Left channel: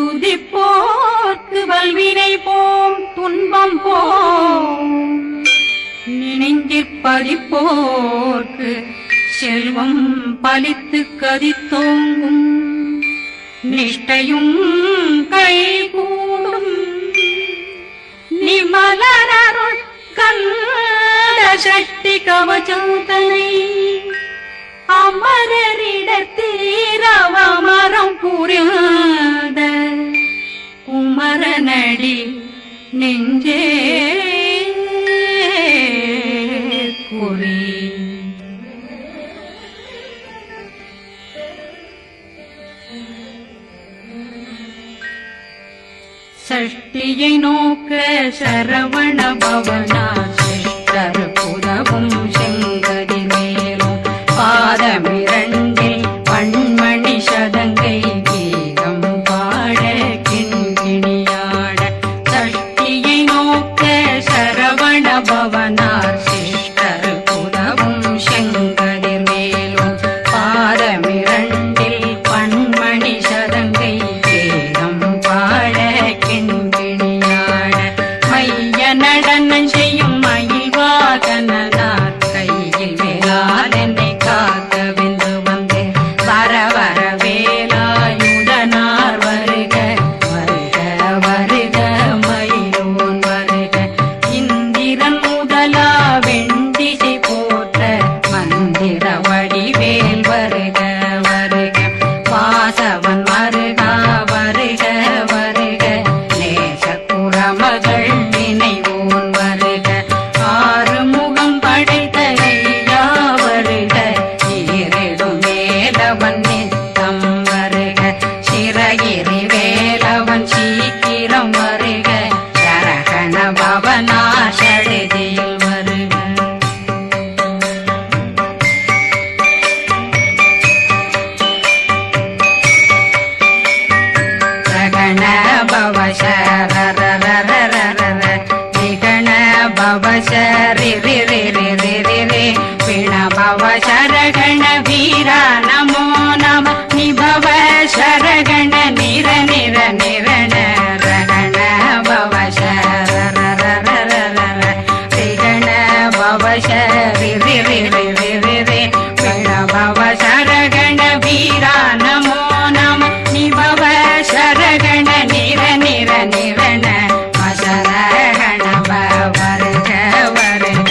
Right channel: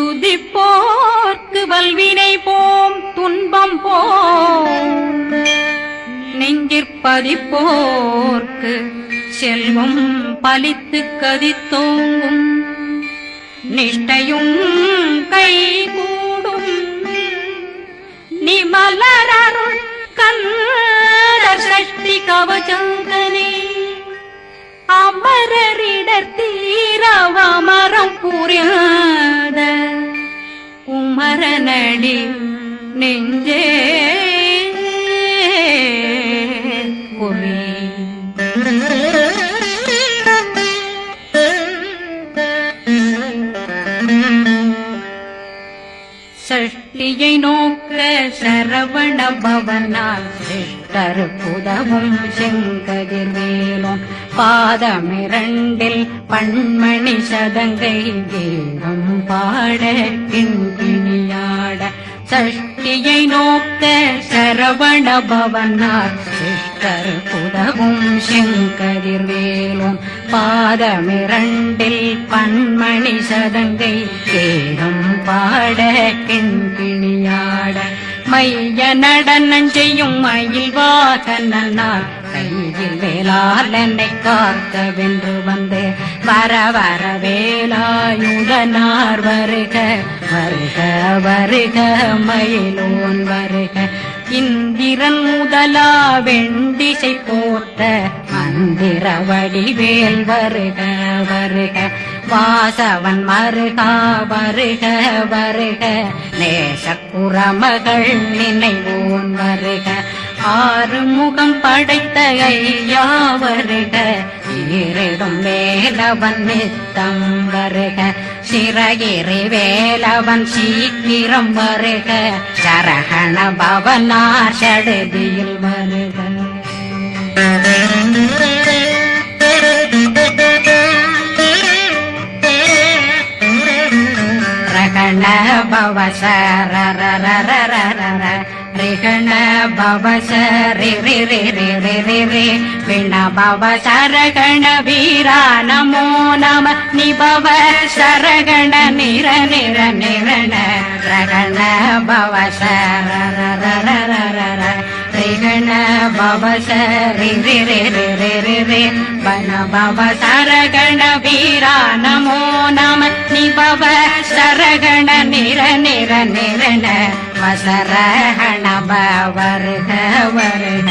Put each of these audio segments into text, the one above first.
துதிப்போர்க்கு வல்வினை போம் துன்பம் போம் நெஞ்சிற்பதிப்போர்க்கு செல்வம் பலித்து கதித்தோங்கும் நிஷ்டையும் கைகூடும் நிமலரருள் கந்த சக்தி கவசந்தனை அமரரிடத்தீரவமரம் புரியாத குமரனடி நெஞ்சே குறி சஷ்டியை நோக்க சரவண பவனா கருப்புதவும் செங்கதிர் மேலும் பாதமிரண்டில் பண்மணி சதங்கை கீதம் பாட கிண்கிணியாட சஷ்டியை நோக்க சரவண பவனார் கருப்புதவும் செங்கதிர் மேலும் பாதமிரண்டில் பண்மணி சதங்கை கீதம் பாட கிண்கிணியாட மைய நடனம் செய்யும் மயில்வாகனார் கையில் வேளாதனை காக்க வென்று வந்து வர வர வேலாயுதனார் வருக வருக வருக மயிலோன் வருக இந்திரன் முதலா வெண்டிசை போட்ட மந்திர வடிவேல் வருக வருக வாசவன் வருகா வருக வருக நேசக்குறமகள் நினைவோன் வருக ஆறு முகம் படைத்த ஐயா வருக ஈரிடும் வேலவன் நித்தம் வருக சிறகிரி வேலவன் சீக்கிரம் வருக ஜரகண பவனா சடுதியில் வருக ரகண பவசரரரரரரர நிகண பவசரி ரி ரி ரி ரி ரி ரி பிண பவசரகண வீரா நமோ நம நிபவ சரகண நிர நிர நிரண ரகண பவசரரரரரர ரிகண பவசரி ரி ரி ரி ரி ரி ரி பிண பவசரகண வீரா நமோ நம நிபவ சரகண நிர நிர நிரண மசரகண வருக வருக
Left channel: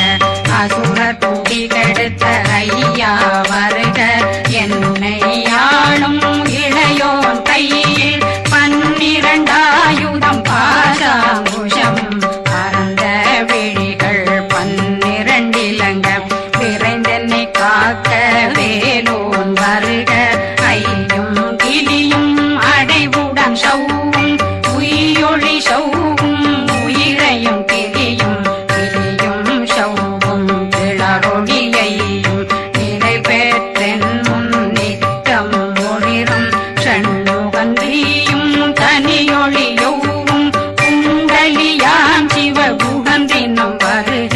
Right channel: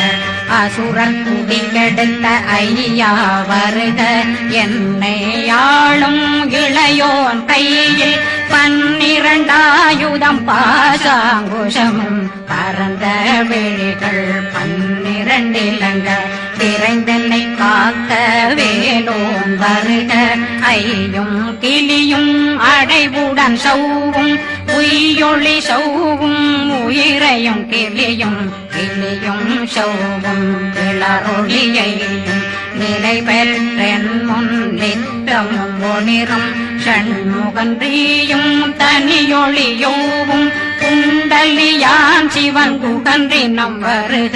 அசுர குடிகெடுத்த ஐயா வருக என்னை ஆளும் இளையோன் கையில் 12 பாசாங்குஷம் பரந்த விழிகள் 12 இலங்க விரைந்தென்னை காக்க வேலோன் வருக ஐயும் கிளியும் அடைவுடன் சௌவும் உயிரொளி சௌவும் உயிரையும் கிளியும் கிளியும் சௌவும் இளரொளியையும் நிலை பெற்றென் முன் நித்தம் ஒளிரும் சண்முகந்தியும் தனியொளியோவும் குண்டலியான் சிவ குகந்தினம் வருக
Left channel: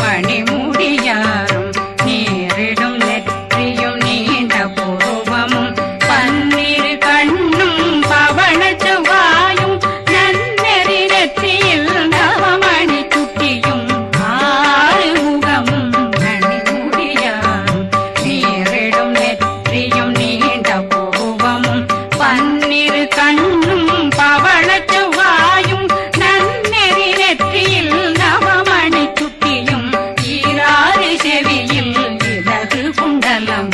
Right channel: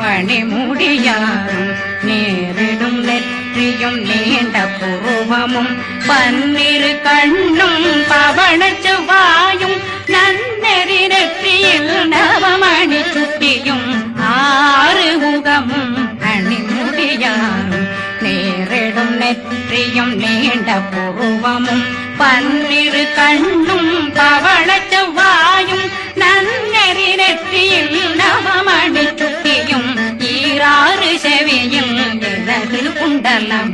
மணிமுடியாரும் நேரிடும் நெற்றியும் நீண்ட பூவமும் 12 கண்ணும் பவன செவ்வாயும் நன்னெறி நெற்றியில் நவமணி சுட்டியும் 6 முகமும் மணிமுடியாரும் நேரிடும் நெற்றியும் நீண்ட பூவமும் 12 கண்ணும் பவன செவ்வாயும் நன்னெறி நெற்றியில் நவமணி சுட்டியும் 6 செவியும் விலகு குண்டலம்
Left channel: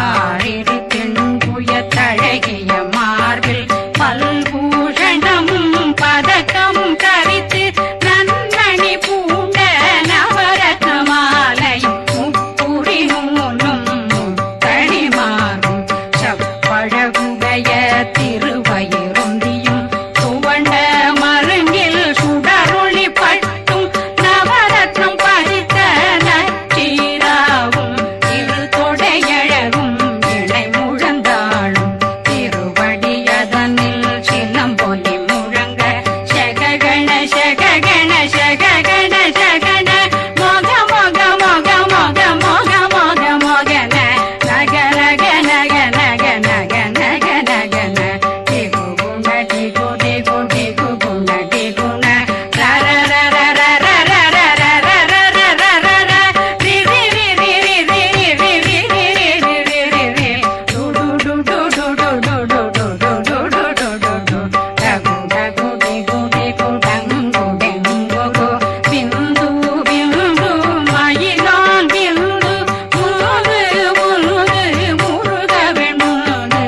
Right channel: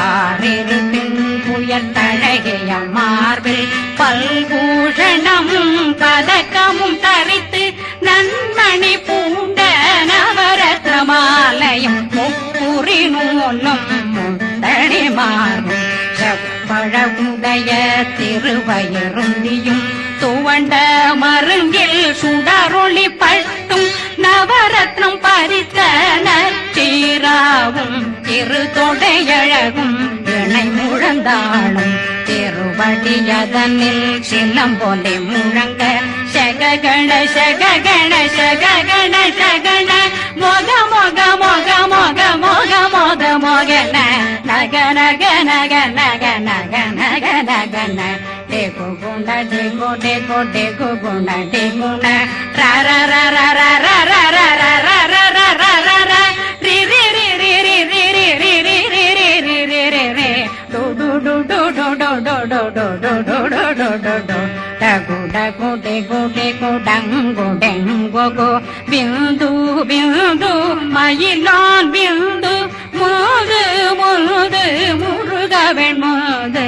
6 தின்புயத்தழகிய மார்பில் பல்பூஷணமும் பதக்கமும் தரித்து நன்மணி பூண்ட நவரத்ன மாலையும் முப்புரி நூலும் முத்தணிமாறும் செப்பழகுடைய திருவயருந்தியும் துவண்ட மருங்கில் சுடரொளி பட்டும் நவரத்னம் பறித்த நச்சீராவும் திரு தொடையழகும் இணை முழந்தாளும் திருவடியதனில் சின்னம் போலே முழங்க சககண சககண சககண சகன மொக மொக மொக மொக மொக மொக மொகன நக நக நக நக நக நக நகன டேகு குண டேகு டேகு டேகு குண டேகுண ர ர ர ர ர ர ர ர ர ர ர ர ர ர ர ரி ரி ரி ரி ரி ரி ரி ரி ரி ரி ரி ரி ரி ரி ரி டு டு டு டு டு டு டு டு டு டு டு டு டு டு டு டகு டகு டேகு டேகு டங்கு டெங்கு கு பிந்து பிந்து மயிலான் பிந்து முழுது முழுது முழுகவன் முழுது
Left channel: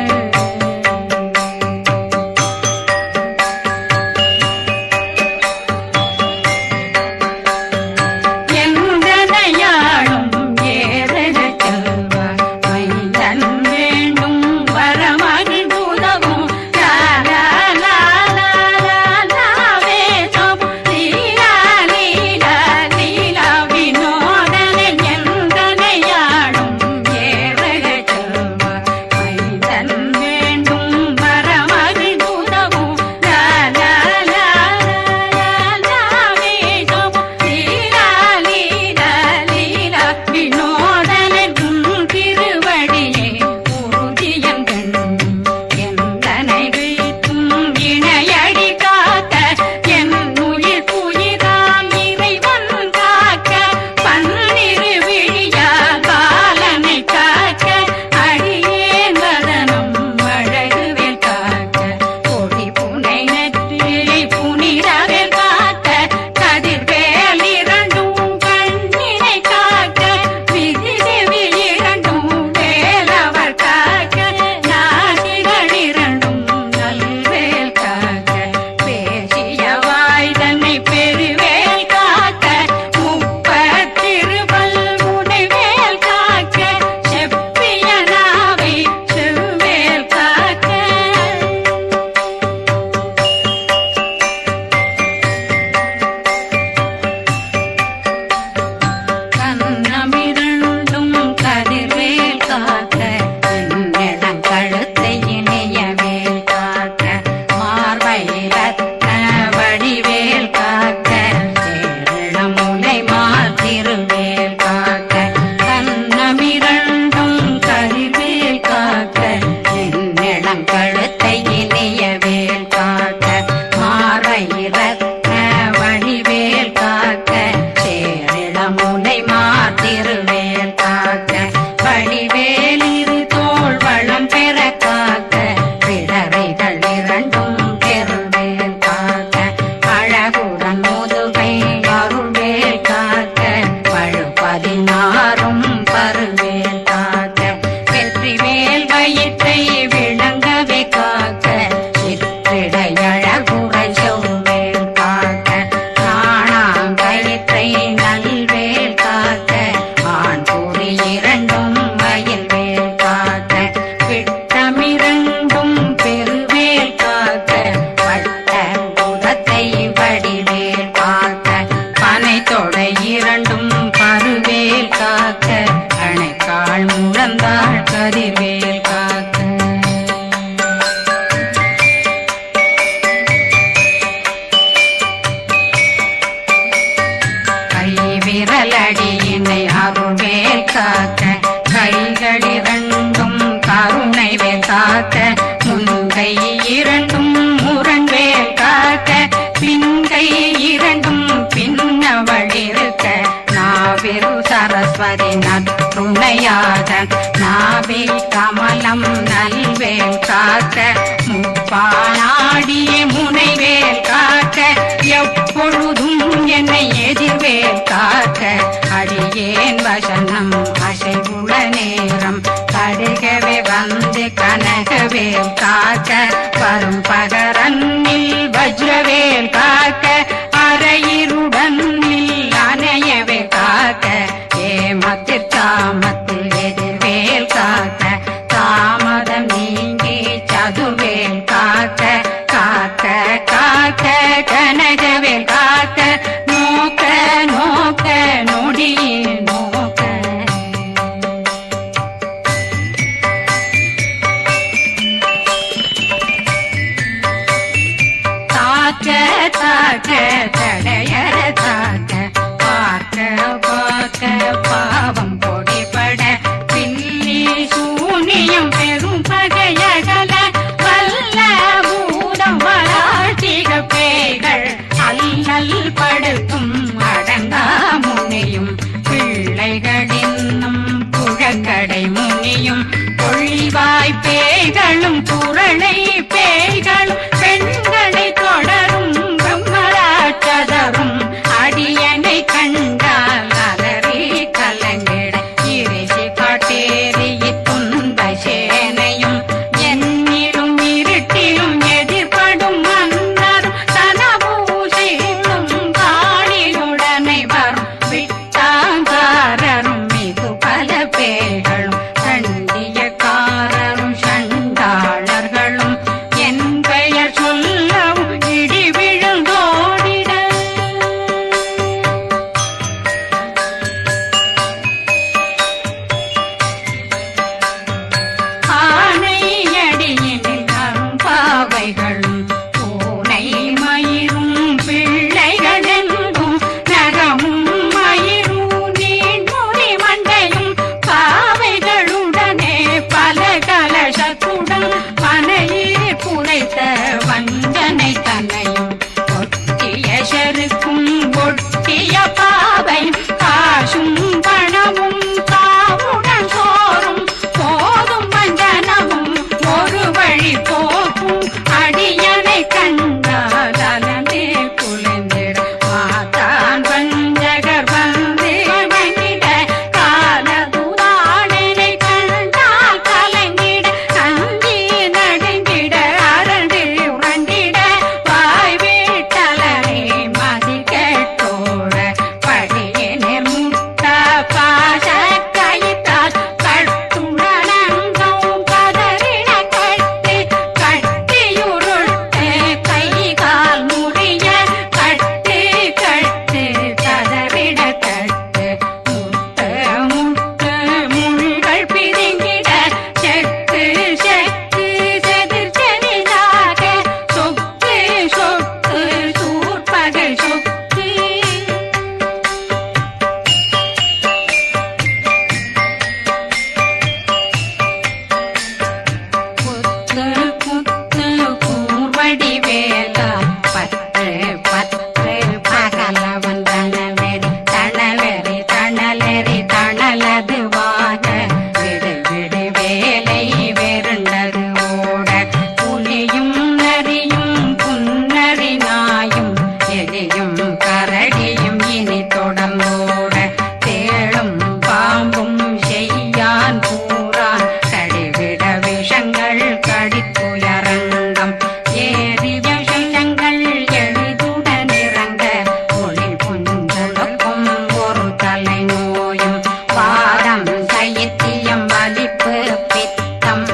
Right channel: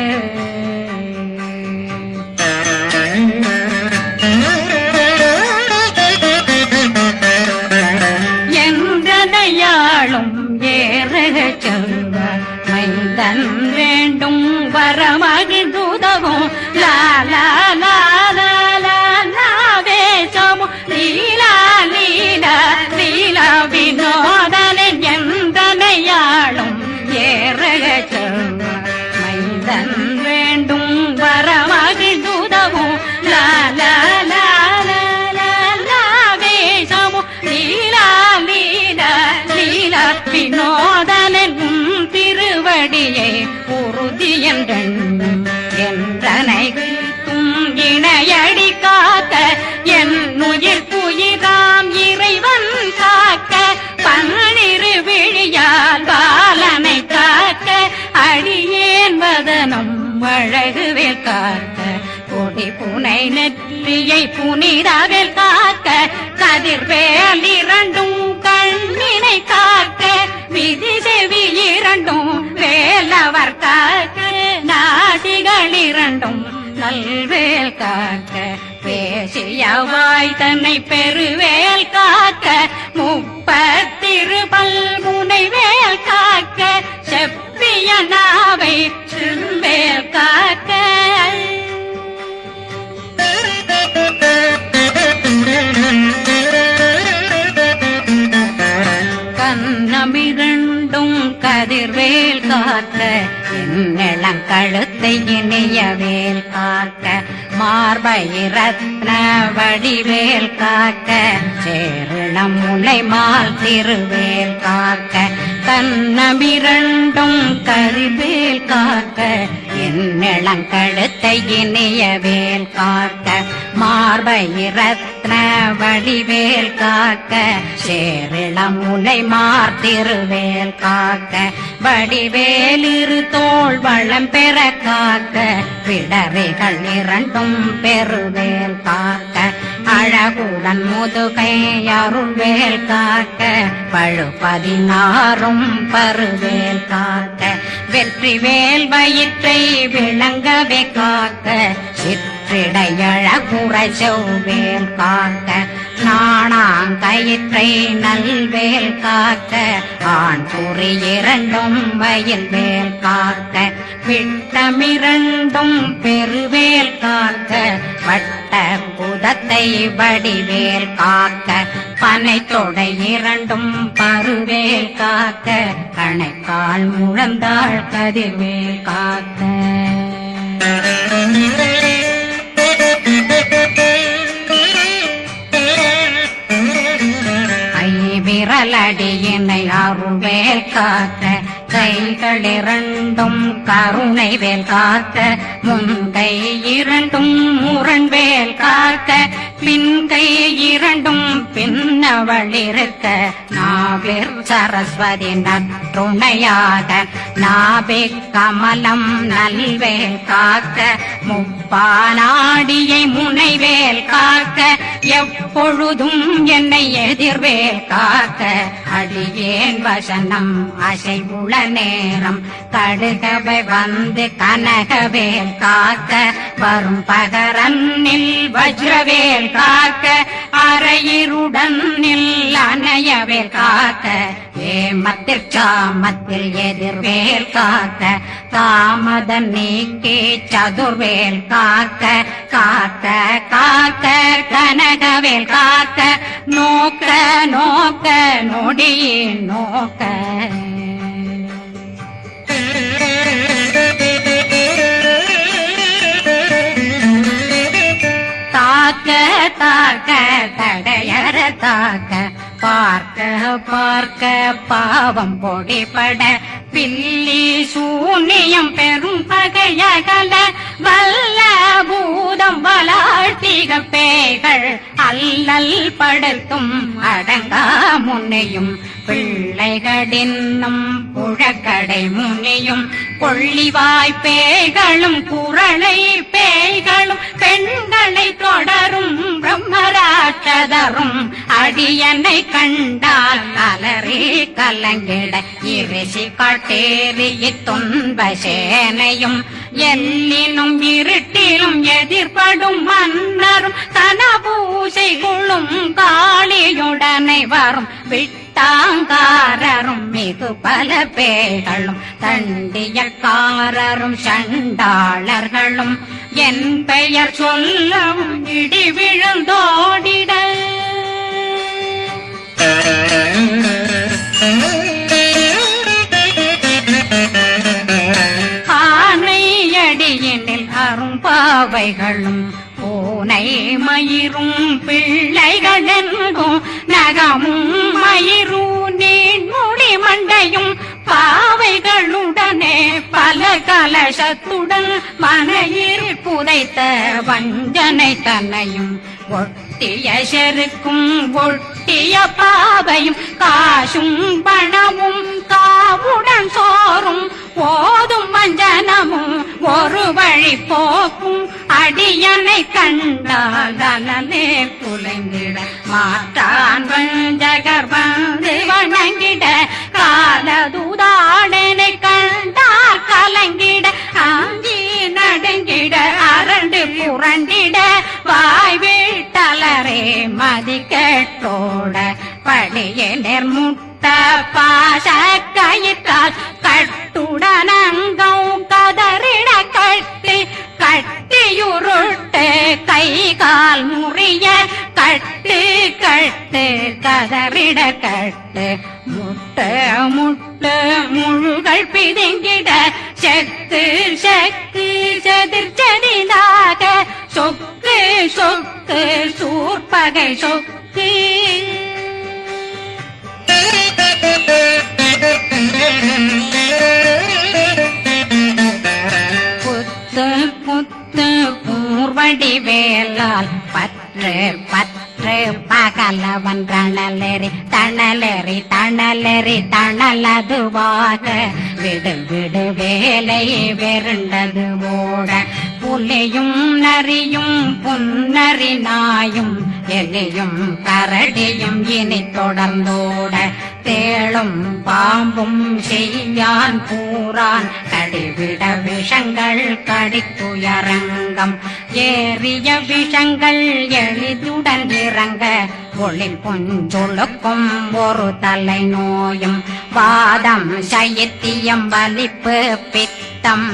எந்தனையாளும் ஏறக செல்வார் மைந்தன் வேண்டும் வரமகிழ்ந்துதவும் லா லா லா லா லா லாவே சமு லீலா லீலா லீலா வினோதனன் எந்தனையாளும் ஏறக செல்வார் மைந்தன் வேண்டும் வரமகிழ்ந்துதவும் லா லா லா லா லா லாவே சமு லீலா லீலா லீலா வினோதனன் திருவடியை உறுதியன் கண்ணும் என்றனைகளுக்கும் இணையடி காக்க என் உயிர் குயிராம் இறைவன் காக்க பன்னிரு விழியால் பாலனை காக்க அடியேன் வதனம் அழகுவேல் காக்க கொடி புனை நெற்றியை புனிதவேல் காக்க கதிர்வேல் இரண்டும் கண்ணினை காக்க விதி செவி இரண்டும் வேலவர் காக்க நாசிகள் இரண்டும் நல்வேல் காக்க பேசிய வாய் தன்னை பெருவேல் காக்க முப்பத்திருபல் முனைவேல் காக்க செப்பிய நாவை செவ்வேல் காக்க கண்ணமிரண்டும் கதிர்வேல் காக்க இந்நிலம் கழுத்தை இணையவேல் காக்க மார்பை ரத்ன வடிவேல் காக்க சேரண முனை மால் திருவேல் காக்க கண்ணமிரண்டும் கதிர்வேல் காக்க இந்நிலம் கழுத்தை இணையவேல் காக்க மார்பை ரத்ன வடிவேல் காக்க சேரண முனை மால் திருவேல் காக்க வடிவேல் இரு தோள் வளம் பெற காக்க பிடவைகள் இரண்டும் பெருவேல் காக்க அழகுடன் முதுகை அருள்வேல் காக்க பழு 16 பருவேல் காக்க வெற்றி வேல் வயிற்றை விளங்கவே காக்க சிற்றிடையழகுரை செவ்வேல் காக்க நாணாங்கயிற்றை நல்வேல் காக்க ஆண் குறி இரண்டும் வயல்வேல் காக்க விட்டமிரண்டும் பெருவேல் காக்க வட்ட புதத்தை வடிவேல் காக்க பனை தொடை இரண்டும் பருவேல் காக்க அணைக்கால் முழந்தாள் கதிர்வேல் காக்க விரலடியினை அருள்வேல் காக்க கைகள் இரண்டும் கருணை வேல் காக்க முன்கை இரண்டும் முரண்வேல் காக்க பின்கை இரண்டும் பின்னவழிருக்க நாவில் சரஸ்வதி நற்றுணையாக நாபி கமலம் நல்வேல் காக்க முப்பானாடியை முனைவேல் காக்க எப்பொழுதும் என்னை எதிர்வேல் காக்க அடியேன் வசனம் அசைவுள நேரம் கடுகவே வந்து கனகவேல் காக்க வரும் பகரன்னில் வஜ்ரவேல் காக்க அரையிருடன் அணையவே காக்க ஏமத்தில் காமத்தில் எதிர்வேல் காக்க தாமதம் நீக்கி சதுர்வேல் காக்க காக்க காக்க கனகவேல் காக்க நோக்க நோக்க நொடியில் நோக்க தாக்க தாக்க தடையற தாக்க பார்க்க பார்க்க பாவம் பொடிபட பில்லி சூனியம் பெரும் பகையகல வல்ல பூதம் வளாழ்த்திக பேய்கள் அல்லல் படுத்தும் அடங்கா முனையும் பிள்ளைகளின்னும் புழக்கடை முனியும் கொள்ளிவாய் பேய்களும் குரளை பேய்களும் பெண்களை தொடரும் பிரம்மராட்சதரும் அடியனை கண்டால் அலறி கலங்கிட இரிசி பட்டேறி துன்ப சேனையும் என்னிலும் இருட்டிலும் எதிர்படும் மன்னரும் தனபூசைகளும் காளியுடனை வரும் விட்டாங்காரரும் மிகு பல பேர்களும் சண்டியக்காரரும் சண்டாளர்களும் என் பெயர் சொல்லவும் இடி விழுந்தோடிட ஆனையடியினில் அரும்பாவைகளும் பூனை மயிரும் பிள்ளைகளெங்கும் நகமும் மயிரும் நீண்முடி மண்டையும் பாவைகளுடனே பல கலசத்துடன் மனையில் புதைத்த வஞ்சனை தன்னையும் ஒட்டிய செருக்கும் ஒட்டிய பாவையும் காசும் பணமும் காவுடன் சோறும் போதும் வஞ்சனமும் ஒரு வழி போக்கும் அடியனை கண்டாதனே குலைந்திட மாதான் வஞ்சகர் வந்து வணங்கிட காலதுதாடனை கண்டால் கலங்கிட காஞ்சி நடுங்கிட அரண்டு புரண்டிட வாய் வீட்டலரே மதி கேட்டோட படியே நிர்முட்ட பாச கயிற்றால் கட்டுடனங்கும் கதறிட கட்டி கட்டியுருட்டு கை கால் முறிய கட்டு கட்டு கதறிட கட்டு முட்டு முட்டு முள்கள் பிதுங்கிட செத்து செத்து செதிர் செதிலாக சொக்கு சொக்கு சூர்பகை சொக்கு புத்து புத்து கூர்வடி வேலால் பற்று பற்று பகலவன் தணலெறி தணலெறி தணலெறி தணலதுவாக விடு விடு வேலை வெருண்டது ஓட புலியும் நரியும் புன்னரி நாயும் எலியும் கரடியும் இனி தொடர்ந்தோட தேளும் பாம்பும் செய்யான் பூரான் கடிவிட விஷங்கள் கடிக்குயரங்கம் ஏறிய விஷங்கள் எளிதுடன் இறங்க ஒளில் கொஞ்சொழுக்கும் ஒரு தலை நோயும் வாதம் சைத்தியம் வலிப்பு பித்தம்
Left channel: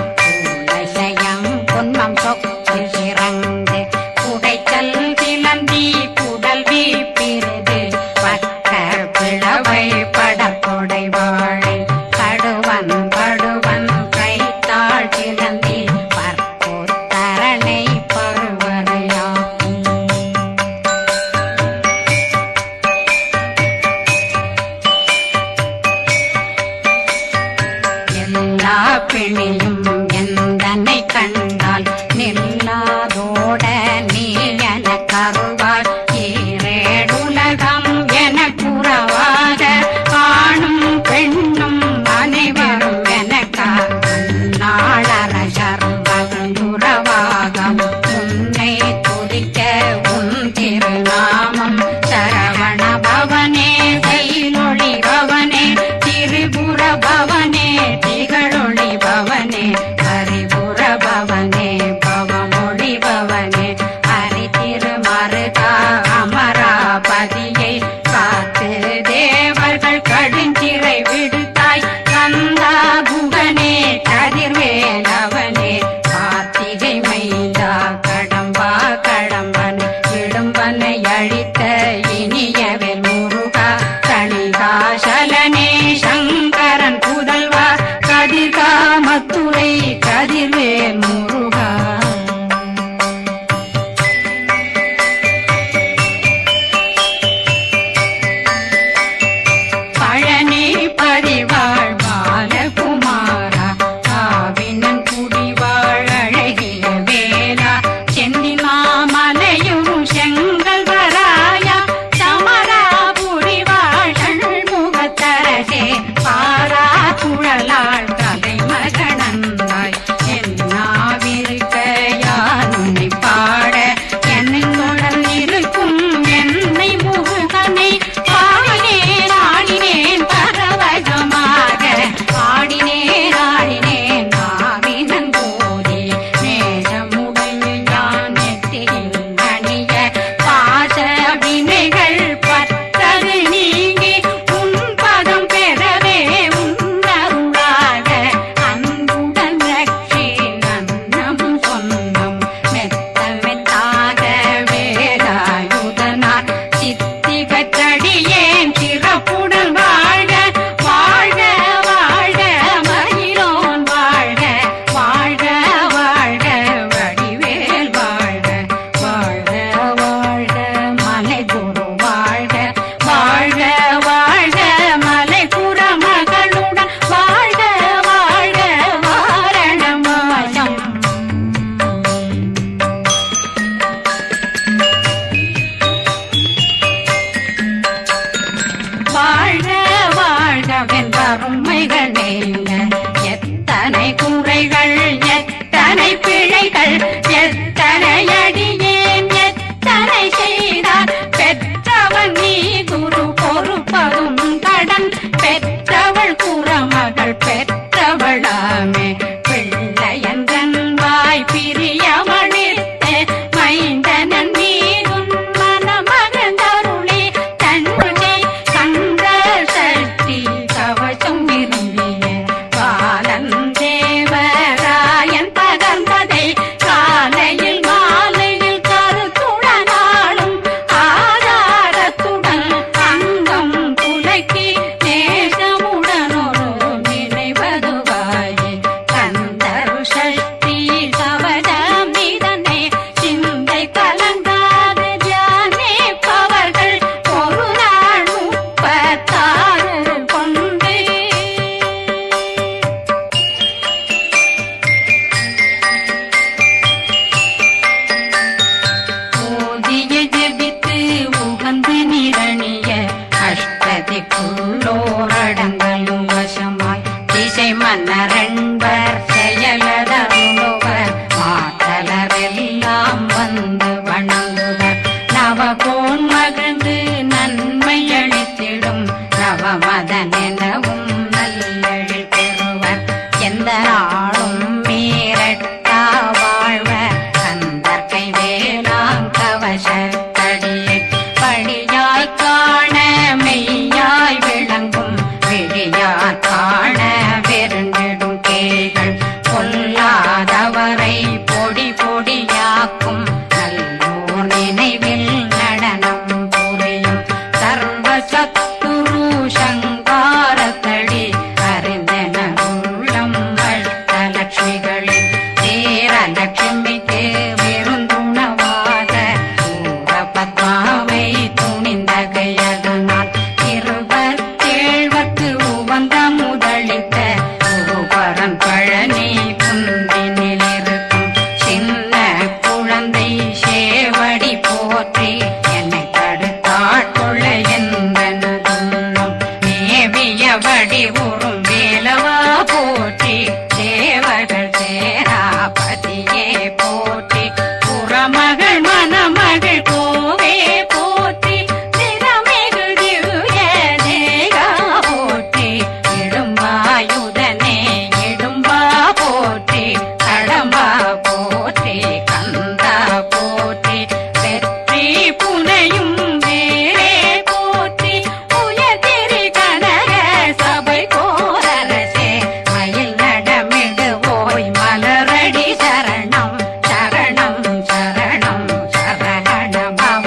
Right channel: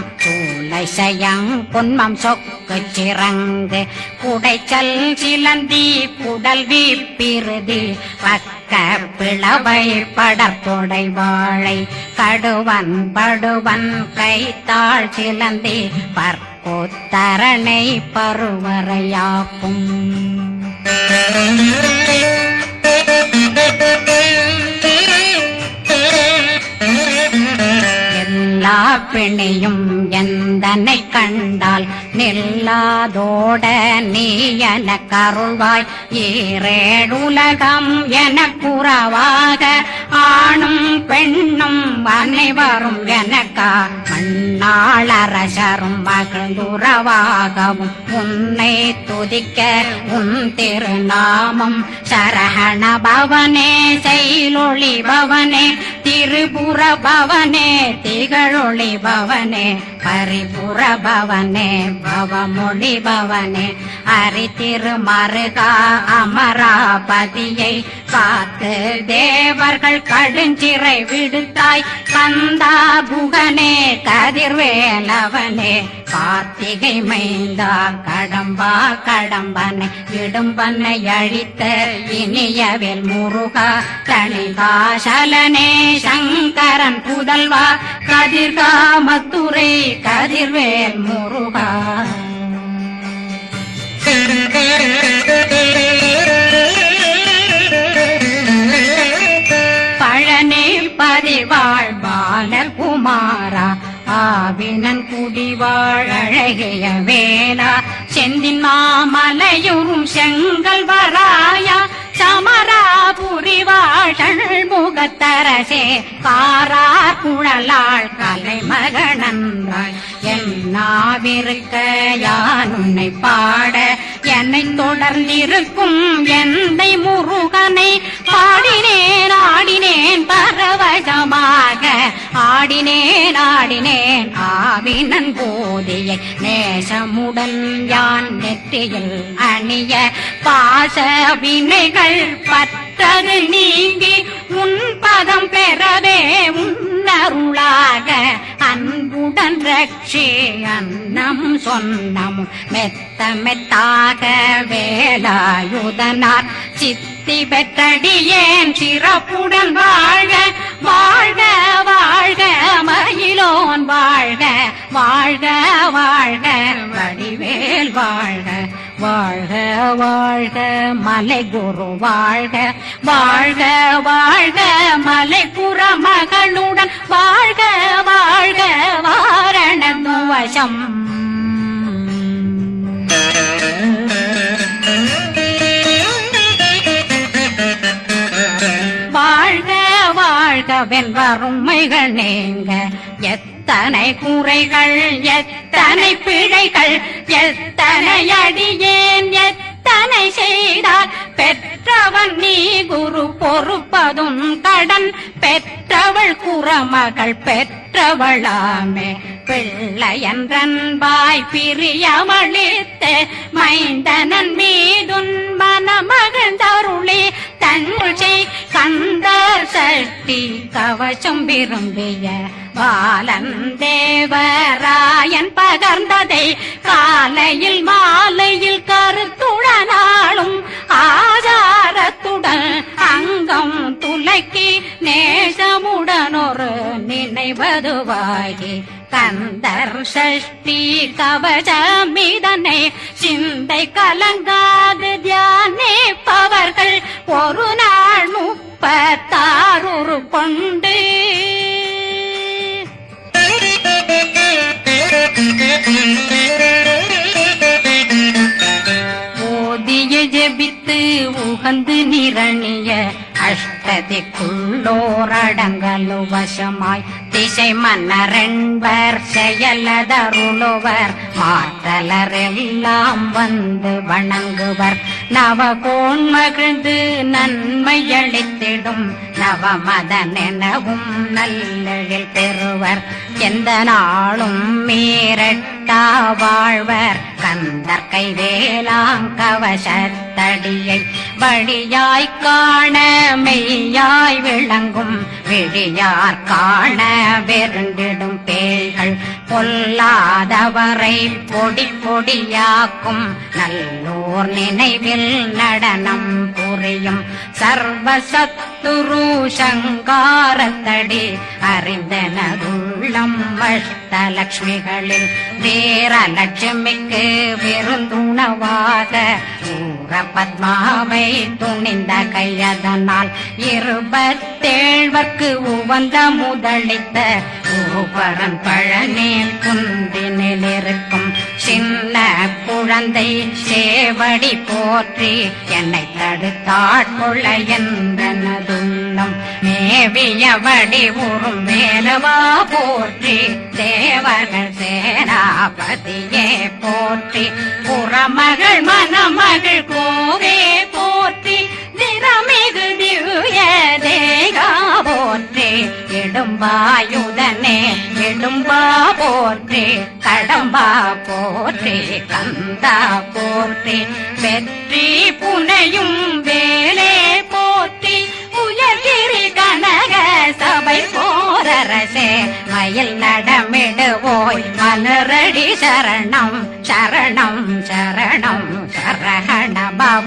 சயம் பொன்மம் சொக்கு சிறங்கு குடைச்சல் சிலந்தி குடல் வீழ்பிருது பக்க பிளவை படற்கொடை வாழை கடுவன் படுவன் கைத்தாள் சிலந்தி பற்போத்தரணை பருவரையாக்கும் எல்லா பிணியும் எந்தனை கண்டால் நில்லாதோட நீ என கருவாய் ஈரேடுலகம் என புறவாக ஆணும் பெண்ணும் அனைவரும் எனக்கா மண்ணாளரசரும் மகிழ்ந்துறவாகவும் உன்னை துதிக்க உன் திருநாமம் சரகண பவனே செயலொளி பவனே திரிபுர பவனே திகழொளி பவனே பரிபுர பவனே பவமொழி பவனே அரி திருமருகா அமராபதியை காத்து தேவர்கள் கடுஞ்சிறை விடுத்தாய் கந்தா புகனே கதிர்வேலவனே கார்த்திகை மைந்தா கடம்பா கடம்பனை விடும்பனை அழித்த இனியவில் முருகா தனிகாசலனே சங்கரன் புதல்வா கதிர்காமத்துறை கதிர்வேல் முருகா அரசே பாரா குழலாள் கலைமகனந்தாய் என்னாவிருக்க யான் உன்னை பாட என்னை தொடர்ந்திருக்கும் என்னை முருகனை பாடினேன் ஆடினேன் பரவசமாக ஆடினேன் ஆடினேன் ஆவினன் போதிய நேசமுடன் யான் நெற்றியில் அணிய பாச வினைகள் பத்தது நீங்கி உன் பதம் பெறவே உன்னருளாக அன்புடன் ரட்சி அன்னம் சொன்னம் மெத்த மெத்தாக வேலாயுதனார் சித்தி பெற்றடியேன் சிறப்புடன் வாழ்க வாழ்க வாழ்க மயிலோன் வாழ்க வாழ்க வாழ்க வடிவேல் வாழ்க வாழ்க வாழ்க மலை குரு வாழ்க வாழ்க வாழ்க மலை புற மகளுடன் வாழ்க வாழ்க வாரணம் வசம் வாழ்க வாழ்க வெண்பருமைகள் நீங்க எத்தனை குறைகள் எத்தனை பிழைகள் எத்தனை அடியேன் எத்தனை செய்தார் பெற்றவன் நீ குரு பொறுப்பதும் கடன் பெற்றவள் குறமகள் பெற்றவளாமே பிள்ளையன்றன் வாய் பிரியமளித்த மைந்தனன் மீதுன் மனமகந்தருளே தன்னை கந்த சக்தி கவசம் விரும்பிய பாலன் தேவராயன் பகர்ந்ததை காலையில் மாலையில் கருத்துடனாலும் ஆதாரத்துடன் அங்கம் துலக்கி நேசமுடன் ஒரு நினைவதுவாகி கந்தர் சஷ்டி கவசம் இதனை சிந்தை கலங்காது தியானிப்பவர்கள் ஒரு நாள் 36 கொண்டு ஓதிய ஜெபித்து உகந்து நிரணிய அஷ்டதிக்குள்ளோரடங்கலு வசமாய் திசை மன்னரென்பர் செயலதருளுவர் மாத்தலரெல்லாம் வந்து வணங்குவர் நவகோன் மகிழ்ந்து நன்மை அளித்திடும் நவமதன் எனவும் நல்லெழில் பெறுவர் எந்த நாளும் மீறட்டா வாழ்வர் கந்தர் கைவேலாங் கவசத்தடியை படியாய் காண மெய்யாய் விளங்கும் விழியார் காண வெருண்டிடும் கேள்கள் பொல்லாதவரை பொடி பொடியாக்கும் நல்லோர் நினைவில் நடனம் புரியும் சர்வசத்துரு சங்காரத்தடி அறிந்தனருள்ளம் வட்டலட்சுமிகளில் தேரலட்சுமிக்கு விருந்துணவாக பத்மாவை துணிந்த கையதனால் 27 உவந்த முதலித்த பூபரன் பழனில் குந்தினில் இருக்கும் சின்ன குழந்தை சேவடி போற்றி என்னை தடுத்தாட்கொள்ள என்பதுள்ளம் மேவியபடி உறும் மேலவா போற்றி தேவர்கள் சேனாபதியே போற்றி புறமகள் மணமகள் கோவே போற்றி திறமிகு திவ்ய தேகா போற்றி இடும்பாயுதனே இடும்பா போற்றி கடம்பா போற்றி கந்தா போற்றி வெற்றி புனையும் வேலே போற்றி உயர்திரி கனக சபை போரரசே மயில் நடமிடுவோய் மலரடி சரணம் சரணம் சரணம் சரஹண பவ